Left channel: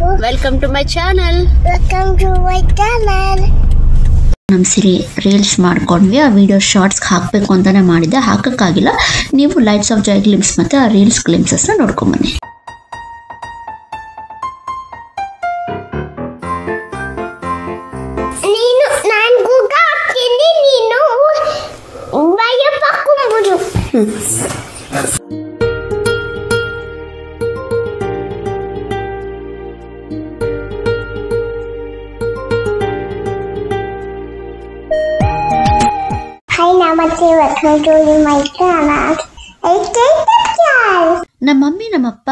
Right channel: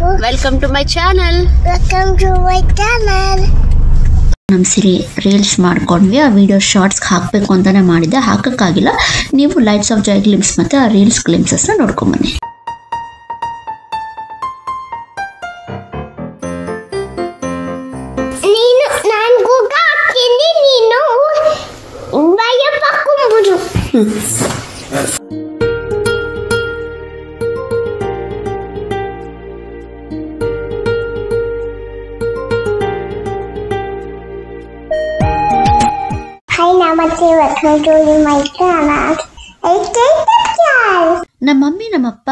Welcome to my channel. ನಮ್ಮ ಸಿರಿ reels ಮಾಡ್ಕೊಂಡ್ವಿ ಆ ವಿಡಿಯೋ ಶಾರ್ಟ್ಸ್ ಹಾಕಬೇಕು ಅಂತಾನೆ ಮಾಡಿದ್ದೆ ಹಾಕಕ್ಕಾಗಿಲ್ಲ ನೀವು ಲೈಟ್ಸ್ ಆಫ್ ಜಾಯ್ ಗ್ಲಿಮ್ಸ್ ಮತ್ತೆ ಆ ರೀಲ್ಸ್ ಗ್ಲಿಮ್ಸಸ್ ನ ನೋಡ್ಕೊಂಡು ಬನ್ನಿ ನೀನು ನಾನು ಗೂಗ ಹಾಕ್ತೀನಿ ನೀನು ಭಯ ಪಕ್ಕೊಂಬಿಡು ನಮ್ಮ ಮಮ್ಮಿ ನಮ್ಮಪ್ಪ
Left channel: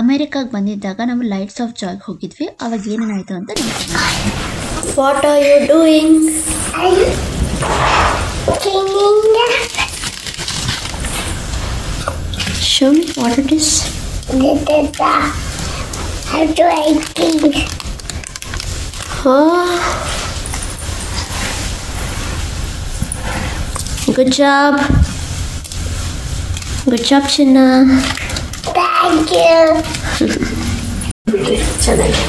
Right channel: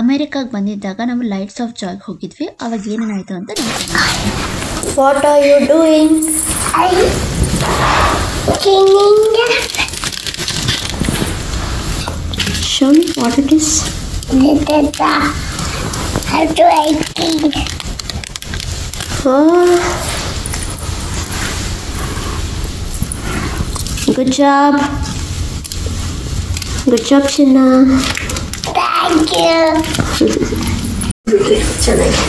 ಅಮೆರಿಕಾಗ್ ಬಂದಿದ್ದಾಗ ನಾವು ಲೈಟ್ಸ್ ಆಫ್ ಜಾಯ್ ಹೋಗಿದ್ವಿ ಅವಾಗ ಏನೇನಾಯ್ತು ಅಂತ ನೋಡ್ತೀನಿ What are you doing? Show me what it is. Oh. Good job. Good job, Chinna. Thank you. ಚೆನ್ನಾಗಿ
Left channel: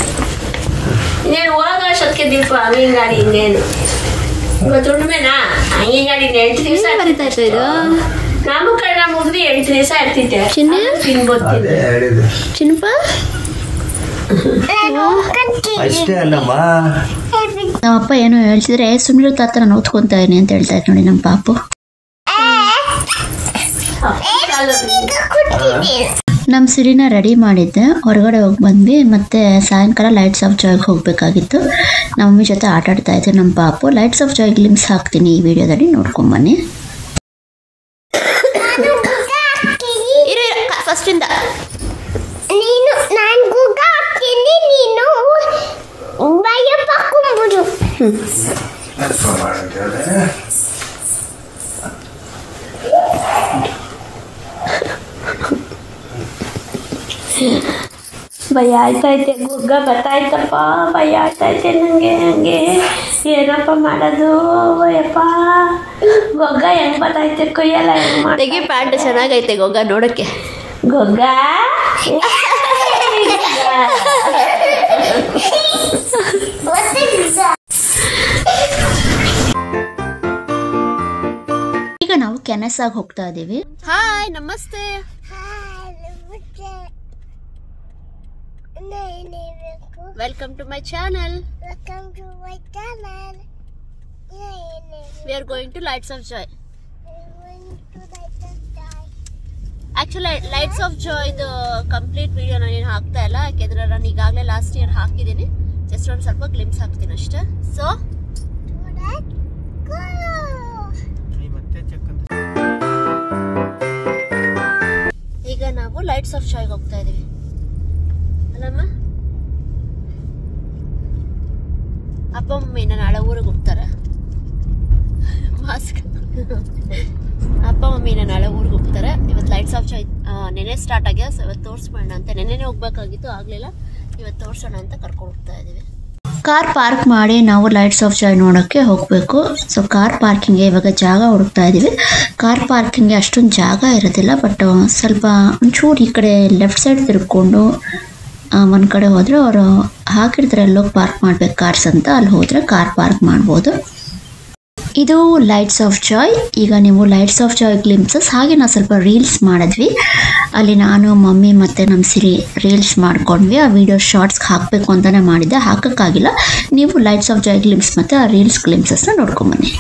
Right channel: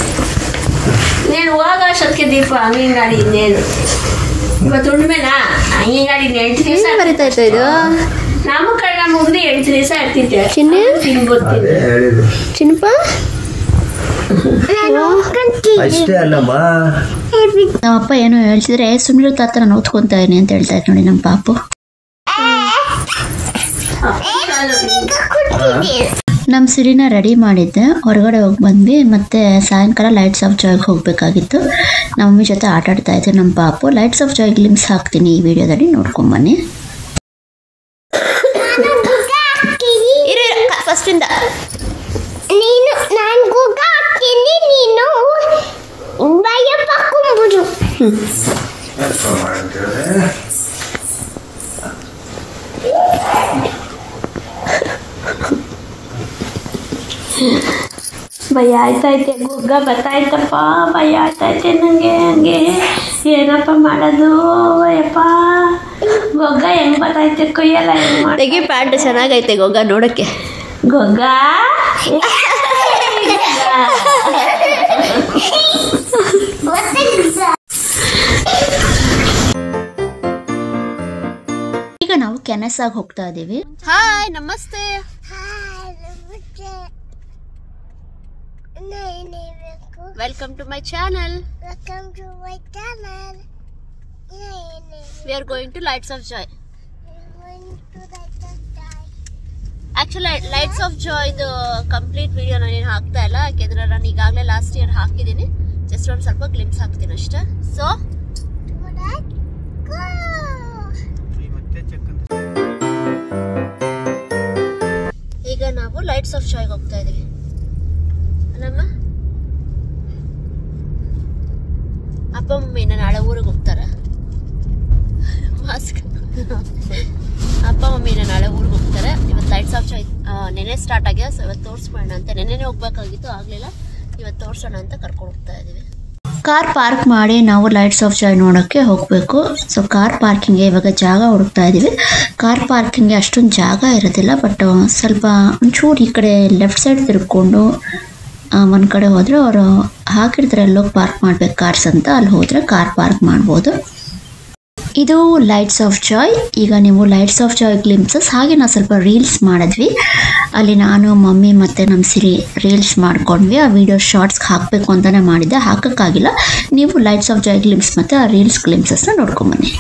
నేను ಹೋಗೋ ಅಷ್ಟೊತ್ತಿಗೆ ದೀಪ ಅಂಗನವಾಡಿ ಇನ್ನೇನು ಇವತ್ತು ಉಣ್ಮೆನಾ ಅಂಗನವಾಡಿ 8 ದಿವಸ ಬರೀತಾ ಇತ್ತು ಇದು ನಾಮಕರಣ ಮುಗಿದು 8 ದಿವಸ ಇರ್ತಿದ್ದೆ ಚಿನ್ನ ತಿನ್ಬೋತೀನಿ ಚಿನ್ನಪ್ಪ ಅಷ್ಟೇ ಅಲ್ಲಮ್ಮ ನಮ್ಮಪ್ಪ ಏನೋ ಹೇಳ್ತಿದ್ರೆ ಸುಮ್ಮನೆ ತಾತ ನಾನು ಓದ್ಕೊಂತಾ ಇದೀನಿ ಅಂತ ಹೇಳ್ತಾ ಇತ್ತು ನೋಡಿ ನಮ್ಮ ಪಾಪು ನಮ್ಮ ಸಿರಿನ ರೆಡಿ ಮಾಡಿದ್ದೆ ಹೊರಗಡೆ ಹೋಗಿ ಬಂದ್ವಿ ಮತ್ತೆ ಸಾಯಂಕಾಲ ಲೈಟ್ಸ್ ಆಫ್ ಜಾಯ್ಗೆ ಹೋಗ್ಬೇಕಾಗಿತ್ತು ನಮ್ಮ ಮಮ್ಮಿ ಜೊತೆ ಆಟ ಆಡ್ತಾ ಇದ್ದೆ ನಮ್ಮ ಪಾಪು ಲೈಟ್ಸ್ ಆಫ್ ಜಾಯ್ ಗ್ಲಿಮ್ಸ್ ಹಾಕ್ತೀನಿ ಈ ವಿಡಿಯೋದಲ್ಲಿ ನೋಡ್ಕೊಂಬನ್ನಿ ಫಸ್ಟಿಂದ ನೀನು ನಾನು ಗೂಗ ಹಾಕ್ತೀನಿ ನೀನು ಭಯ ಪಕ್ಕೊಂಬಿಡು ಭಯ ಆಯ್ತೈತೆ ಗುಗ್ಗ ಗೊತ್ತಾಯ್ತಪ್ಪ ಭಯ ಆಯ್ತೈತೆ ನನಗೆ ಹಂಗೆ ಏನಪ್ಪ ಮಾಡೋದು ಅಯ್ಯಪ್ಪ ಗೊಗ್ಗ ಹೆಂಗ್ ಗೊತ್ತಾಯ್ತೆ ಕೊಯ್ಯಲ್ಲ ಹೆಂಗ್ ಮಾಡಿ ಪ್ಯಾಂಟ್ ಚೆನ್ನಾಗೈತೆ ಗೊಗ್ಗ ನೋಡಕ್ಕೆ ಗೊಗ್ಗ ಈಗ ನಾವು ಕೆನೆಸಾಗಿ ಹೋಗ್ತಾ ಇದೀವಿ ಹಾಯ್ ನಮಸ್ತೆ welcome to my channel we are going to lights of joy actually lights of joy ಇದು ಕಂಪ್ಲೀಟ್ ವಿಡಿಯೋ ನಾನು ಹಾಕ್ತಾ ಇಲ್ಲ ಯಾಕೆಂದ್ರೆ ನಾನು ಈಗಾಗಲೇ ಲಾಸ್ಟ್ ಇಯರ್ ಹಾಕಿದ್ದೀನಿ ಜಸ್ಟ್ ಒಂದು ಸ್ವಲ್ಪ ಗ್ಲಿಮ್ಸ್ ಹಾಕ್ತೀನಿ ಅಷ್ಟೇ ಸೊ ಈಗ ನಾವು ಲೈಟ್ಸ್ ಆಫ್ ಜಾಯ್ಗೆ ಹೋಗ್ತಾ ಇದೀವಿ ಅಲ್ಲಮ್ಮ ಅಪ್ಪ ಮಮ್ಮಿ ನಾಳೆ ಊರಿಗೆ ಹೋಗ್ತಾರ ಮಾಸ್ಕ್ ಅಪ್ಪ ಮಮ್ಮಿ ನಾಳೆ ಊರಿಗೆ ಹೋಗ್ತಾರೆ ಇವತ್ತು ಲೈಟ್ಸ್ ಆಫ್ ಜಾಯ್ ನೆನೆ ಸ್ಟಾರ್ಟ್ ಆಗ್ಯದ ಸೊ ಇವತ್ತು ತೋರಿಸ್ಬೋಣ ಅಂತ ನೆನ್ನೆನೇ ಹೋಗ್ಬೇಕಾಗಿತ್ತು ಆಗಲಿಲ್ಲ ಇವತ್ತು ತೋರಿಸೋಣ ಅಂತ ಕರ್ಕೊಂಡು ಹೋಗ್ತಾ ಇದೀವಿ ಕಾರ್ ಪಾರ್ಕ್ ಮಾಡಿ ನಾವು ಲೈಟ್ಸ್ ಆಫ್ ಜಾಯ್ ನೋಡೋಕ್ಕೆ ಹೋಗಬೇಕು ಸೊ ಕಾರ್ ಪಾರ್ಕಿಂಗ್ಗೆ ಇವಾಗ ಜಾಗ ಹುಡುಕ್ತಾ ಇದ್ದೀವಿ ಕಾರ್ ಪಾರ್ಕಿಂಗ್ಗೆ ಅಷ್ಟೊಂದು ಜಾಗ ಇರೋದಿಲ್ಲ ಬಟ್ ಸ್ವಲ್ಪ ಒಂಚೂರು ಈ ಕಡೆ ಲೆಫ್ಟ್ ಸೈಡ್ ತಿರ್ಕೊಂಡು ಒಂದು ಕಡೆ ಹೋದರೆ ಅವರು ಹಾಕಿರ್ತಾರೆ ಎಲ್ಲೋಗಿ ಪಾರ್ಕ್ ಮಾಡ್ಬೇಕು ಕಾರ್ಸ್ ಅಂತ ಅಲ್ಲಿ ಹೋದರೆ ಕಾರ್ ಪಾರ್ಕ್ ಮಾಡ್ಬೋದು ಇದು ಲೈಟ್ಸ್ ಆಫ್ ಜಾಯ್ ಈಗ ನೀವು ಲೈಟ್ಸ್ ಆಫ್ ಜಾಯ್ ಗ್ಲಿಮ್ಸಸ್ ಹಾಗೆ ನಾವು ಸ್ವಲ್ಪ ರೀಲ್ಸ್ ಮಾಡಿದ್ವಿ ಅಲ್ಲಿ ನಾನು ಮಮ್ಮಿ ಮತ್ತು ನಮ್ಮ ಸಿರಿ ರೀಲ್ಸ್ ಮಾಡ್ಕೊಂಡ್ವಿ ಆ ವಿಡಿಯೋ ಶಾರ್ಟ್ಸ್ ಹಾಕಬೇಕು ಅಂತಾನೆ ಮಾಡಿದ್ದೆ ಹಾಕಕ್ಕಾಗಿಲ್ಲ ನೀವು ಲೈಟ್ಸ್ ಆಫ್ ಜಾಯ್ ಗ್ಲಿಮ್ಸ್ ಮತ್ತು ಆ ರೀಲ್ಸ್ ಗ್ಲಿಮ್ಸಸ್ನ ನೋಡ್ಕೊಂಬನ್ನಿ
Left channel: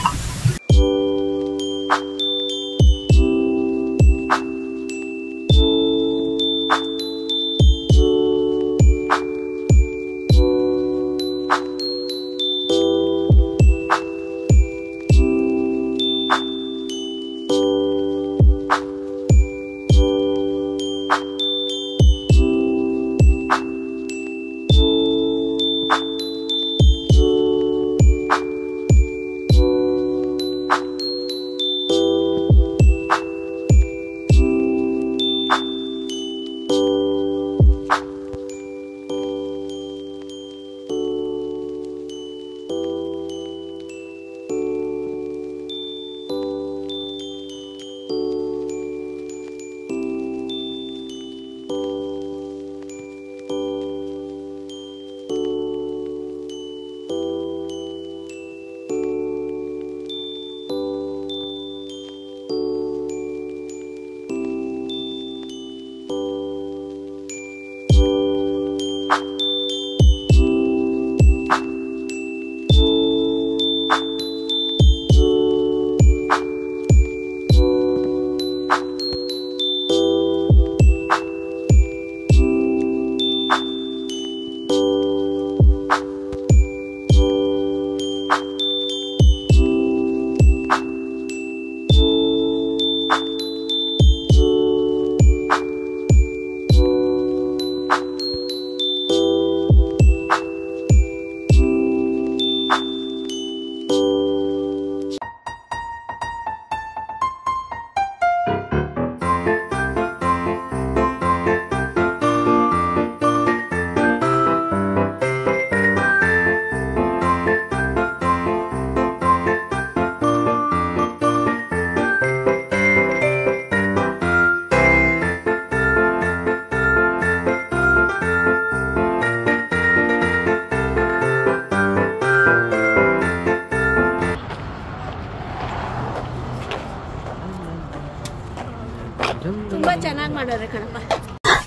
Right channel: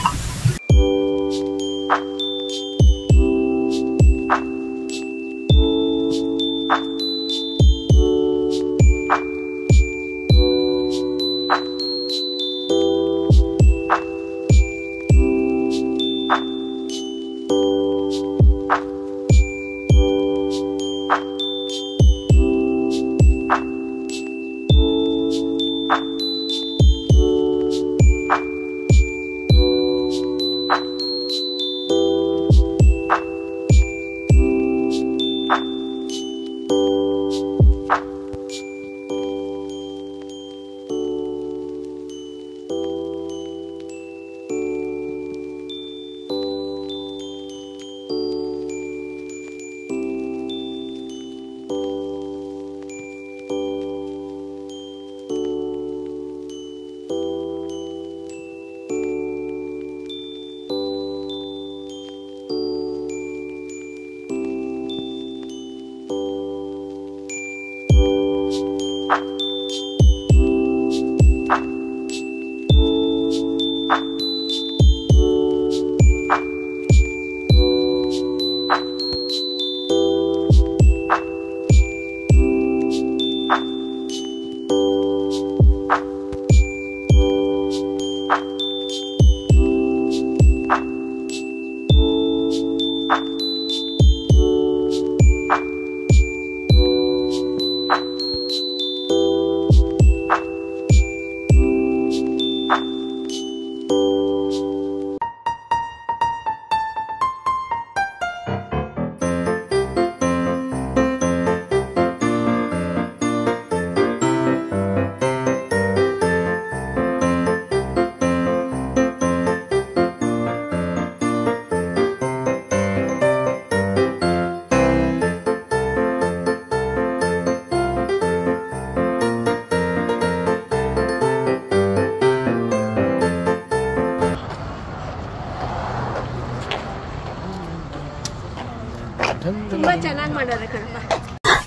ತುಂಬಾ ಚೆನ್ನಾಗಿ ಮಾಡೋರೆ ಕಣಪ್ಪ.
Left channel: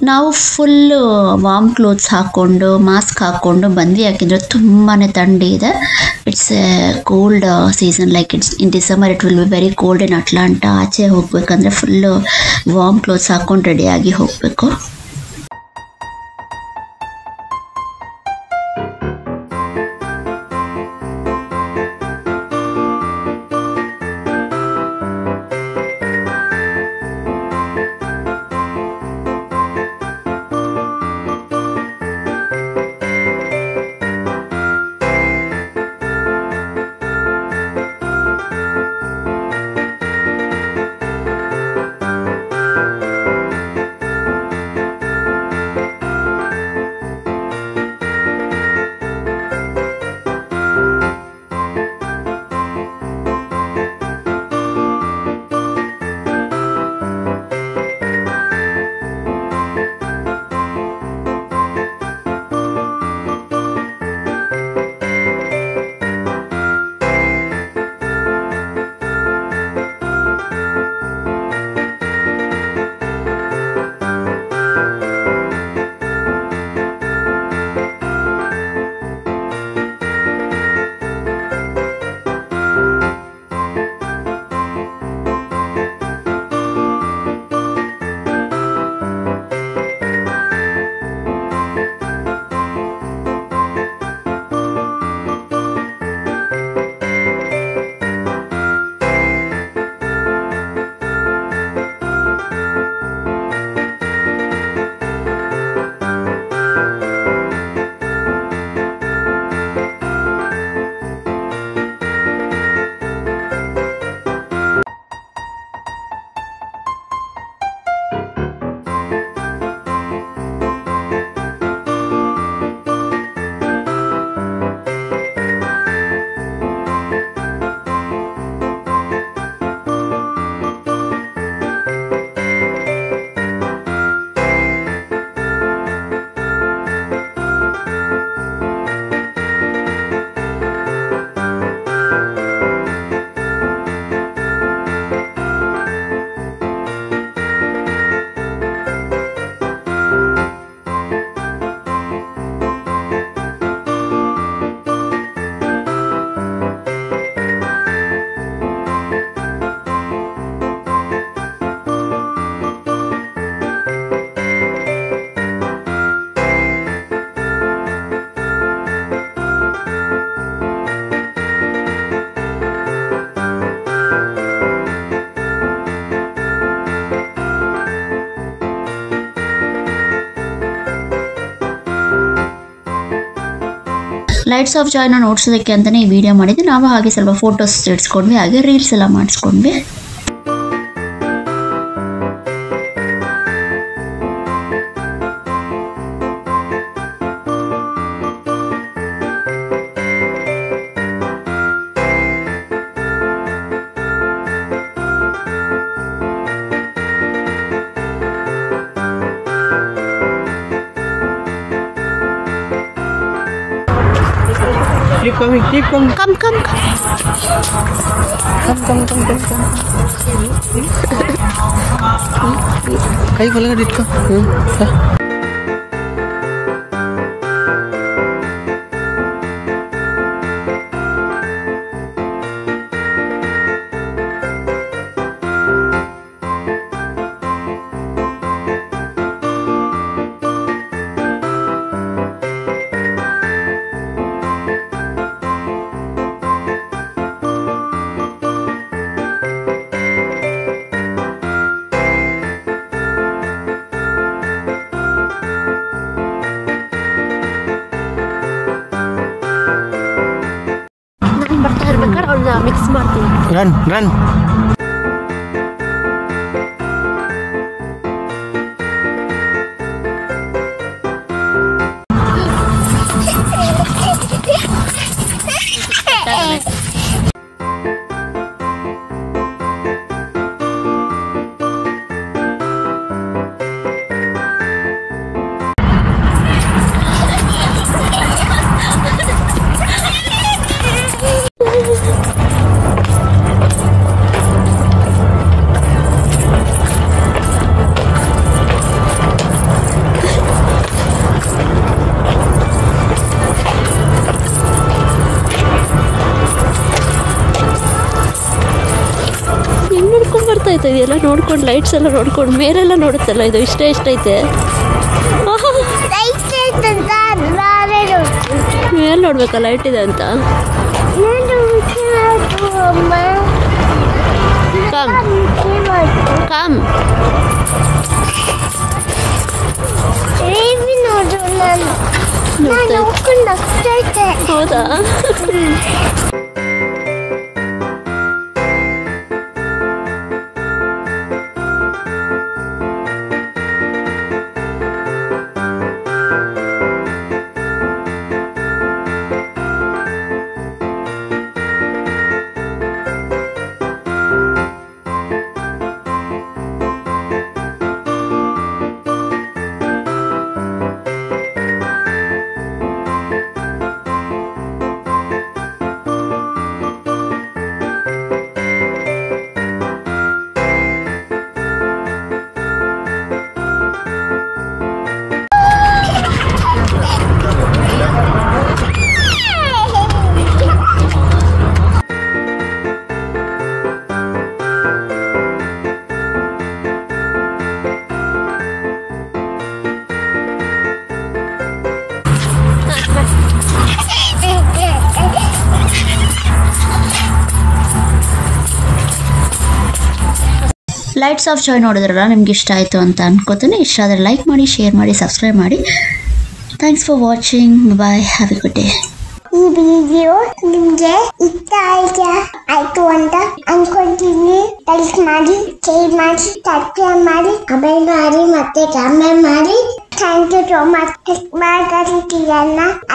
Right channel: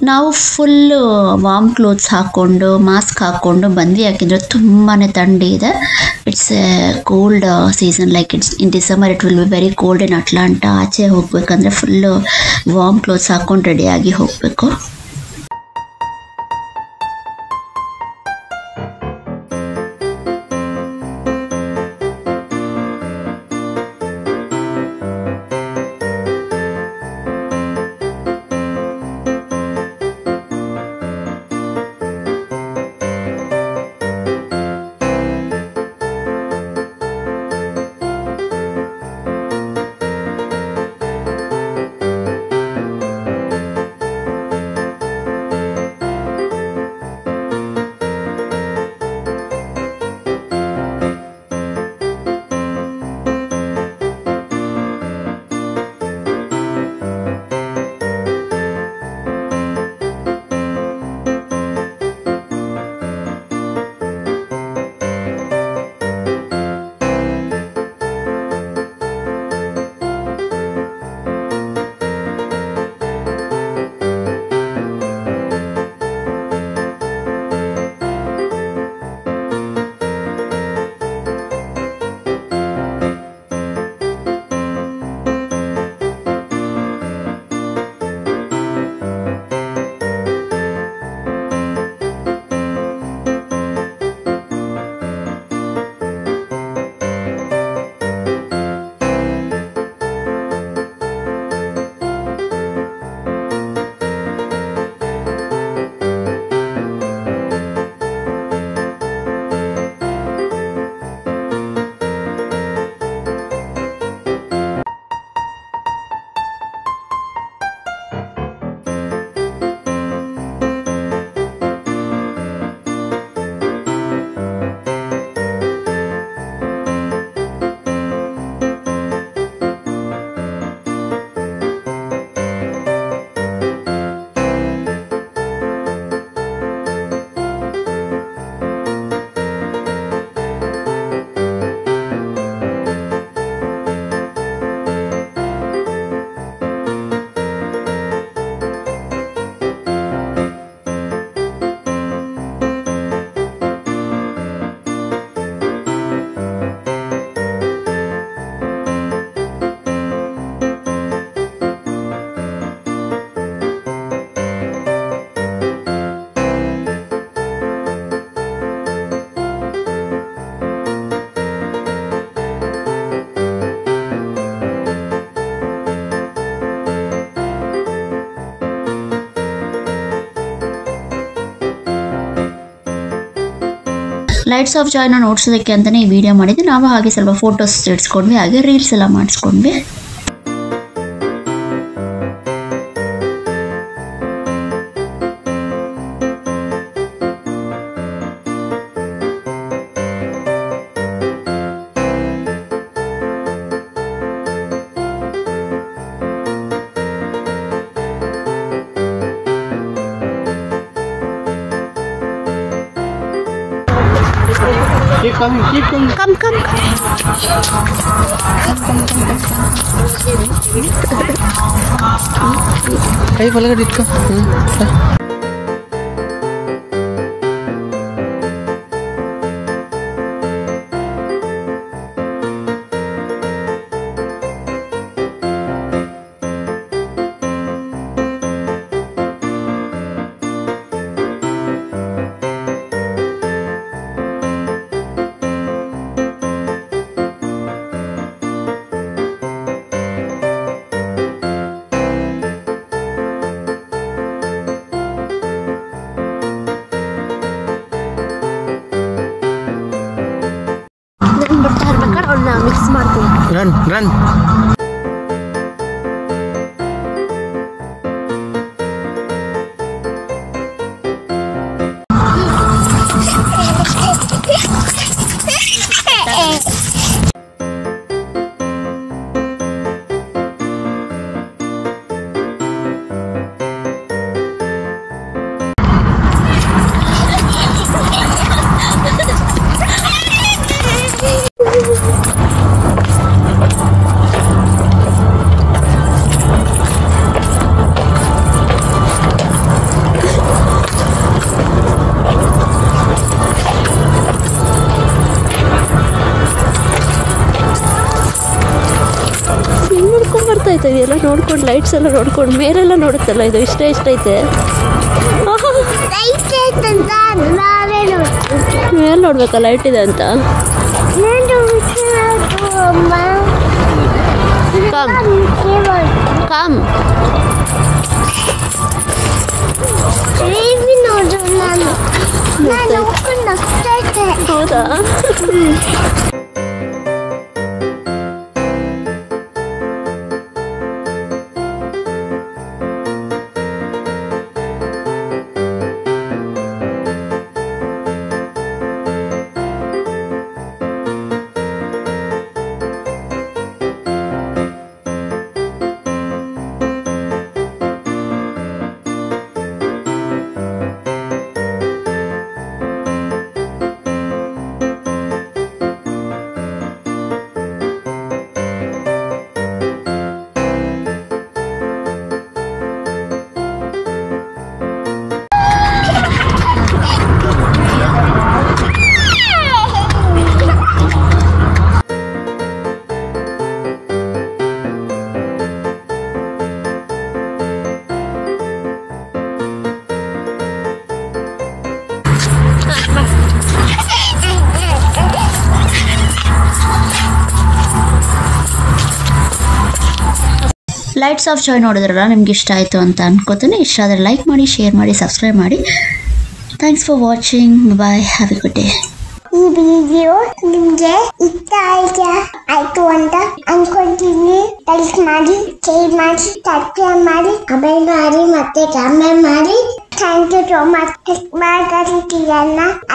ನಾವು ಫುಲ್ ವಾರ್ಮ್ ಕ್ಲೋತ್ಸ್ ಹಾಕ್ಕೊಂಡು ಮಾಸ್ಕ್ ಹಾಕ್ಕೊಂಡು ಬಂದ್ವಿ, ಯಾಕೆಂದರೆ ತುಂಬಾ ಥಂಡಿ ಇದೆ. It's A cold season, like in December it will be very cold in Atlanta. ಆಚೆ ಹೋಗ್ಬೇಕಂದ್ರೆ ಫುಲ್ಲು ವಾರ್ಮ್ ಕ್ಲೋತ್ಸ್ ಹಾಕ್ಕೊಂಡು ರೆಡಿಯಾಗಿ ಹೋಗಬೇಕು. ಲೈಟ್ಸ್ ಆಫ್ ಜಾಯ್ನ ನೋಡ್ಸೋದಕ್ಕೆ ಅಂತಲೇ ಈ ವಿಡಿಯೋ ಮಾಡಿದ್ವಿ. ನಾವು ಹಾಗೆ ಸ್ವಲ್ಪ ಫೋಟೋಸ್ ಇಡ್ಸ್ಕೊಂಡ್ವಿ, ಹಾಗೆ ರೀಲ್ಸ್ ಎಲ್ಲ ಮಾಡಿಸ್ಕೊಂಡ್ವಿ. Keep coming, keep coming. Come. Kayo pala dito. ಬರ್ತಾ ಇರ್ಬೇಕಾದ್ರೆ ಅವನ್ನ ಮಿಕ್ಸ್ ಮಾಡ್ತೀನಿ. Run. ನೋಡ್ಕೊಂಡು ಲೈಟ್ಸ್ ಎಲ್ಲ ನೋಡ್ಕೊಂಡು ಮೇಲೆಲ್ಲ ನೋಡುತ್ತಲ್ಲ ಇದು ಎಷ್ಟೈತೆ ಮೇಲೆ ನೋಡ್ಬೇಕಾ ಲೈಟ್ ಇದೆ ಅಂತ ಕಮ್ ಹೌದಾ ಲೈಟ್ಸ್ ಆಫ್ ಜಾಯ್ ನೋಡಿದ್ರಲ್ಲ ನಿಮ್ಗೆ ಇಷ್ಟ ಆಯಿತು ಅಂತ ಅನ್ಕೋತೀನಿ. ಇಷ್ಟ ಆದರೆ ಲೈಕ್ ಮಾಡಿ, ಶೇರ್ ಮಾಡಿ, ಸಬ್ಸ್ಕ್ರೈಬ್ ಮಾಡಿ. Thanks for watching. Bye. Have a good day. ಈ ವಿಡಿಯೋ ನಿಮ್ಗೆ ಇಷ್ಟ ಆಯ್ತು ಅಂತ ಅನ್ಕೊಂತೀನಿ. ಲೈಕ್ ಮಾಡಿ, ಶೇರ್ ಮಾಡಿ, ಸಬ್ಸ್ಕ್ರೈಬ್ ಮಾಡಿ, ಕಮೆಂಟ್ ಮಾಡಿ, ಮತ್ತೆ ಕಮೆಂಟ್ ಮಾಡಿ. Thank you so much.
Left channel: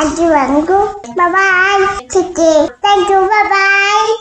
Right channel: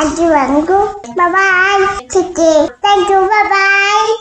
ಅಲ್ಲಿವರೆಗೂ ಬಾಯ್. Thank you. ಬಾಯ್.